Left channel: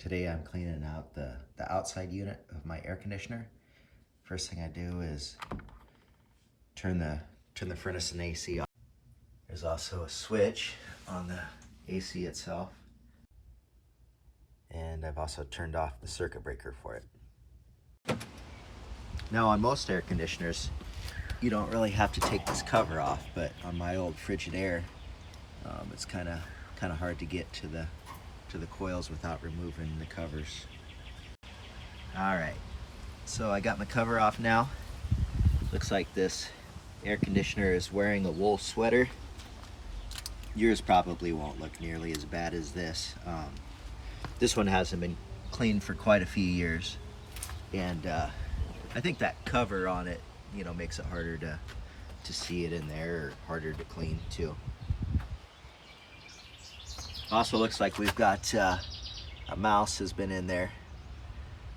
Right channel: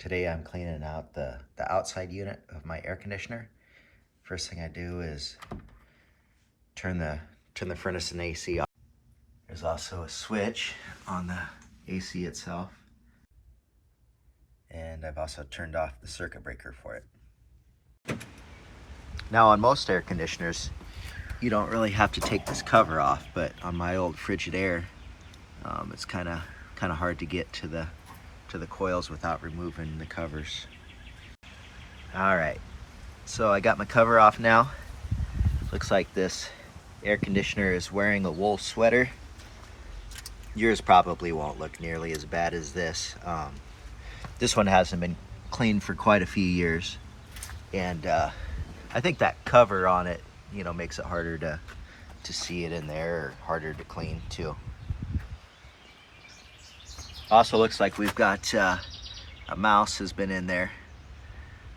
Today I'm cleaning out the outside unit of my air conditioner. First thing I do is turn the furnace and AC off. There's also a switch on the AC itself. And I've also turned off the circuit breaker for it. Now on most air conditioners, you don't really have to take this cover off, but on my old Frigidaire, it's kind of hard to get to the coils without removing the covers. All right, so I got my cover off now. Looks like this air conditioner is wearing a wool sweater. Yours probably won't look nearly as bad as this. This one hasn't been cleaned for quite a few years, and I think that cover on it, makes it harder to see it in there, or harder to clean too. Also looks like we've got a mouse has been in there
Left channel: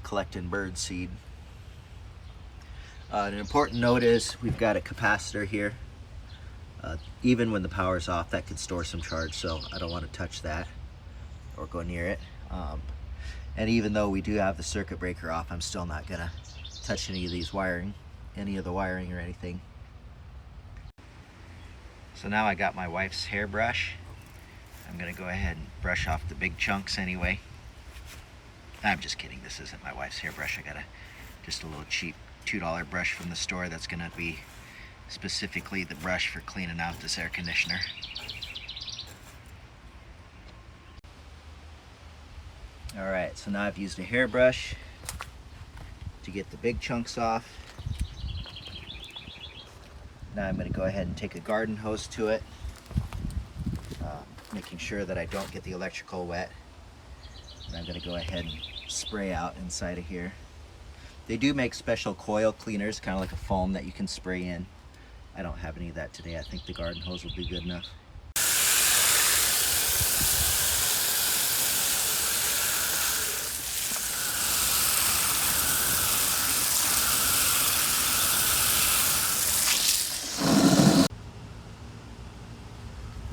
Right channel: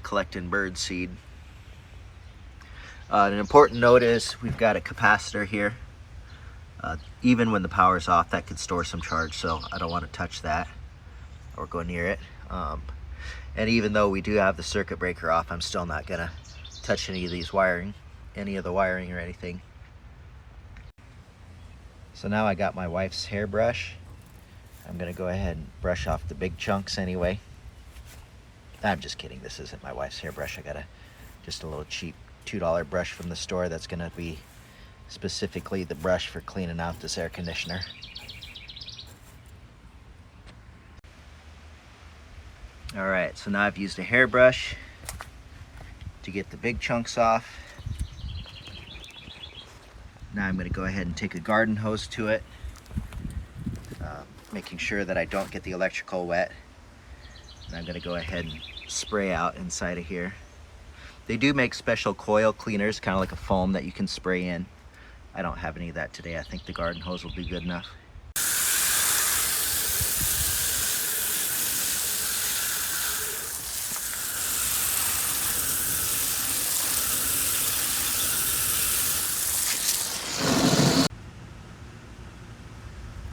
collecting bird seed. An important note is we've got a capacitor here. Even when the power's off, that could store some charge, so I don't want to touch that or go near it. And even though we do have the circuit breaker off, I'm still not gonna touch any of the wiring or anything. So now I got my wife's hairbrush. I'm gonna go ahead and brush off the big chunks anyway. I'm just kidding, this isn't my wife's hairbrush. I got just a little cheap $2 brush from the store that's gonna be specifically the brush for cleaning out this air conditioner. All right, so now I've used a hairbrush to get the big chunks off. Now I'm gonna go ahead and take a garden hose to it, making sure that I don't get the electrical wet. And I'm gonna go ahead and spray out inside of here. They do make special coil cleaners, kind of like a foam that you can spray in. I don't have any of that today. I think the garden hose will be good enough.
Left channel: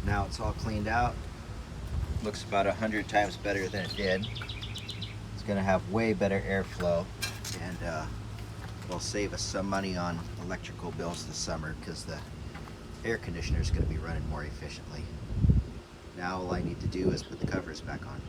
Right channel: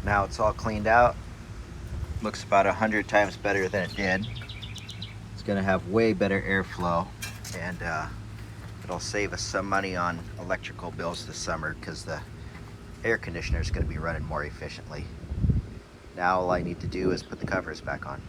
Now it's all cleaned out. Looks about 100 times better than it did. It's gonna have way better airflow, and it'll save us some money on electrical bills this summer because the air conditioner is gonna be running more efficiently. Now all I need to do is put the covers back on.